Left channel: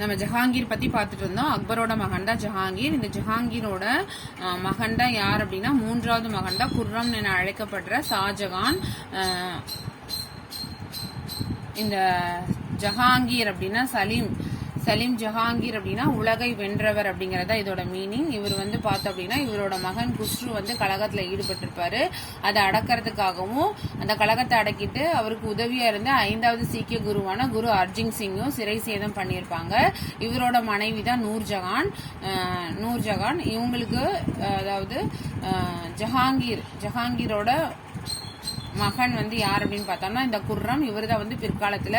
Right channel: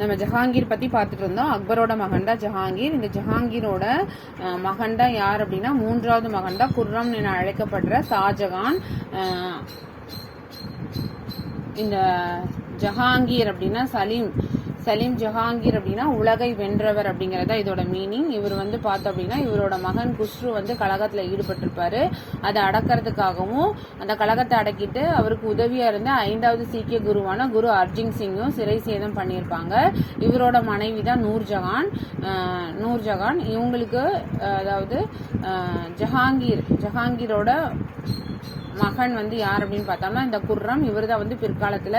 நம்ம ஜஹாங்கீர் பத்தி பார்த்துட்டு இருந்தோம். அக்பரோட மகன் தான் ஜஹாங்கீர். இந்த ஜஹாங்கீரோட மகன் தான் யார் அப்படின்னா மூன்றாவது மகன் தான் குர்ரம் என அழைக்கப்படுற ஷாஜகான். இந்த ஜஹாங்கீர் அப்படின்னா சலீம் ஜஹாங்கீர் அப்படின்னா உலகை வென்றவர் அப்படிங்கறத இதோட மீனிங். இவர் வந்து பார்த்தோம் அப்படின்னா இவரோட மகன் குஸ்ரு வந்து கலகத்துல ஈடுபட்டிருப்பாரு. அதை அடக்கிறதுக்காகவும் அந்த கலகத்தை அடக்கிட்டு அவருக்கு உதவியா இருந்த 5வது சீக்கிய குருவான குரு அர்ஜின் சிங்கும் சிறை சேதம் பண்ணியிருப்பாங்க. இவரோட மனைவி தான் நூர்ஜஹான். இவங்களுக்கு அதாவது ஜஹாங்கீரோட மகன் வந்து யார் அப்படின்னு பார்த்தோம்னா இந்த குர்ரம். இவர் தான் வந்து பிற்காலத்துல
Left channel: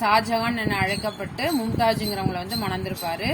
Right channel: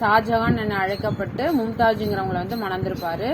ஷாஜகான் என அழைக்கப்பட்டு மும்தாஜுங்கிறவங்களை வந்து மணந்திருப்பாரு.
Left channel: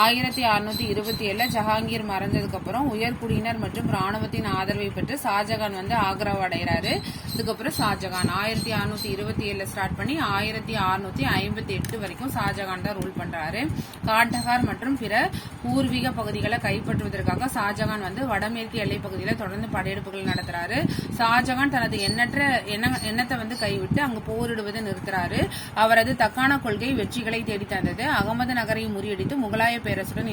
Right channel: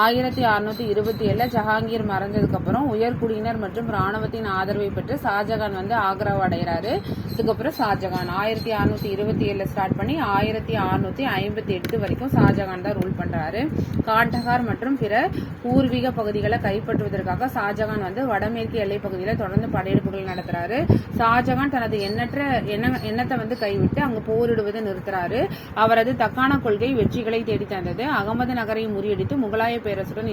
1627 ஜஹாங்கீர் மறைஞ்சதுக்கு அப்புறம் உயர்குடியினர் மற்றும் ராணுவத்தின் ஆதரவை பெற்று ஷாஜகான் வந்து ஆக்ராவை அடைகிறாரு. இதுக்கப்புறம் ஷாஜகான் 1627 ஸ்டார்ட் பண்ணி 1658 வரைக்கும் ஷாஜகான் தான் ரூல் பண்றாரு. காண்டஹார் மற்றும் பிற பூர்வீக பகுதிகளை கைப்பற்றுவதற்காக ஷாஜகான் வந்து வடமேற்கு எல்லை பகுதியில தொடர்ந்து படையெடுப்புகள் நடத்துறாரு. ஷாஜகான் தனது எண்ணத்தை வந்து கைவிட்டு அங்கு போரிடுவதை நிறுத்துறாரு. அவரது தக்கான கொள்கை வெற்றிகளை தேடி தந்தது. அகமது நகரை முறியடித்து முகலாய பேரரசுடன்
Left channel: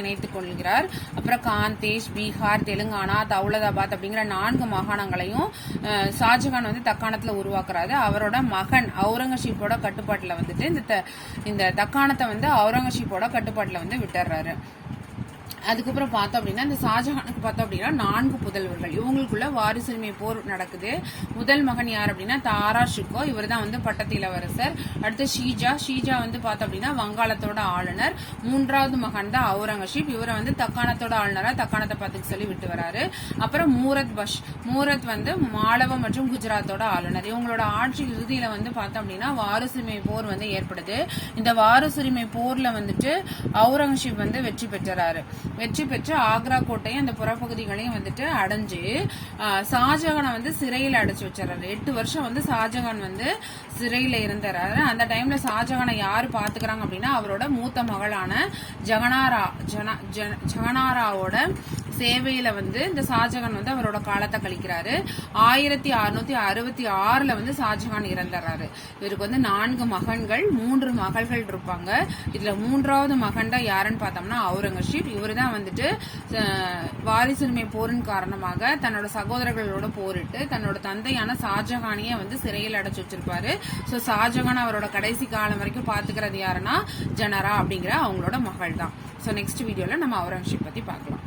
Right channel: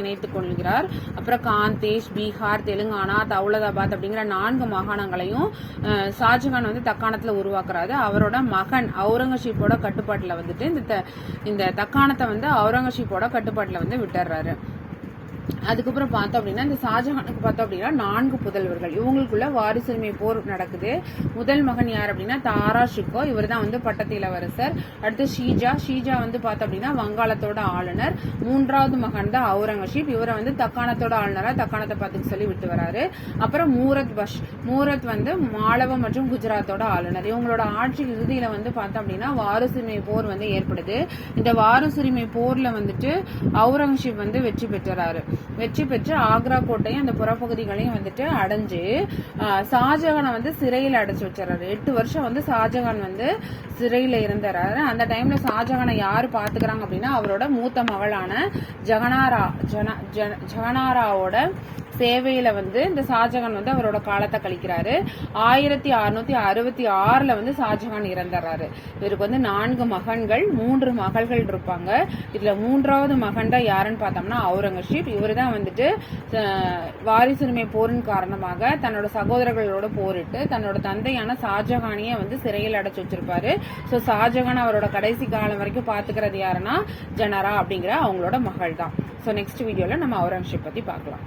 இணைத்துக் கொள்கிறார். அப்புறம் காந்தேஷ், பீகார், தெலுங்கானா, தௌலதாபாத் அப்படிங்கிற 4 மாகாணங்களையும் ஷாஜகான் வந்து தக்காணத்துல உருவாக்குறாரு. அவரோட மகன் அவுரங்கசீப்போட கட்டுப்பாட்டுல வந்துட்டு இந்த தக்காணத்தை வந்து அவுரங்கசீப்போட கட்டுப்பாட்டுல வந்து விட்டுறாரு. அதுக்கப்புறம் பார்த்தோம் அப்படின்னா இந்த ஷாஜகானுக்கு பார்த்தோம் அப்படின்னா 4 புதல்வர்கள். இவங்களுக்குள்ள வாரிசுரிமை போர் நடக்குது. முதல் மகன் யார் அப்படின்னா தாரா ஷிகோ. இவர் தான் வந்து பட்டத்து இளவரசர். அடுத்து ஷீஜா வந்து பார்த்தோம் அப்படின்னா வங்காளத்தோட ஆளுநர். 3வது மகன் தான் அவுரங்கசீப். இவரை வந்து தக்காணத்தோட ஆளுநரா தக்காணத்தை பார்த்துக்க சொல்லி விட்டு வராரு. அப்புறம் மூரத் வந்து மாலவம் மற்றும் குஜராத்தோட ஆளுநர். இவங்களோட ஆட்சி இறுதியில வந்து பார்த்தோம் அப்படின்னா வாரிசுரிமை போர் வந்து ஏற்படுது. இந்த வாரிசுரிமை போர்ல வந்துட்டு அவுரங்கசீப் வந்து வெற்றி பெற்று ஆக்ரா கோட்டையும் அந்த புறப்பகுதிகளையும் வந்துட்டு அடைஞ்சு ஷாஜகானை வந்து சிறையில் அடைச்சு வச்சிடறாரு. 8 வருஷம் வந்து ஷாஜகான் வந்து சிறையில இருந்தாரு. அந்த டைம்ல ஷாஜகானை யாரு பாத்துக்கிறாங்க அப்படின்னா அவரோட மூத்த மகளான ஜகனாராவோட சேவையில வந்து இந்த ஷாஜகான் வந்து அவரோட காலத்தை கழிக்கிறாரு. 1666 வந்து ஷாஜகான் இறந்துறாரு. இவருக்கு வந்து 4 மகன்கள் 3 மகள்கள் இருப்பாங்க. இதுல 3வது மகன் தான் யாருன்னு பார்த்தோம்னா அவுரங்கசீப். இவர் தான் வந்துட்டு வாரிசுரிமை போரின் காரணமாக தன்னோட சகோதரர்களோட போரிட்டு தன்னோட தந்தையான ஷாஜகானிய வந்து சிறையில் அடைச்சு வச்சிருப்பாரு. சோ ஷாஜகான் அவரோட கடைசி காலம் வரைக்கும் பாத்துக்கிறது யாருன்னா ஜனரா அப்படிங்கிற அவங்களோட மகள் தான். சோ நெக்ஸ்ட் வீடியோல நம்ம அவுரங்கசீப் பத்தி பார்க்கலாம்.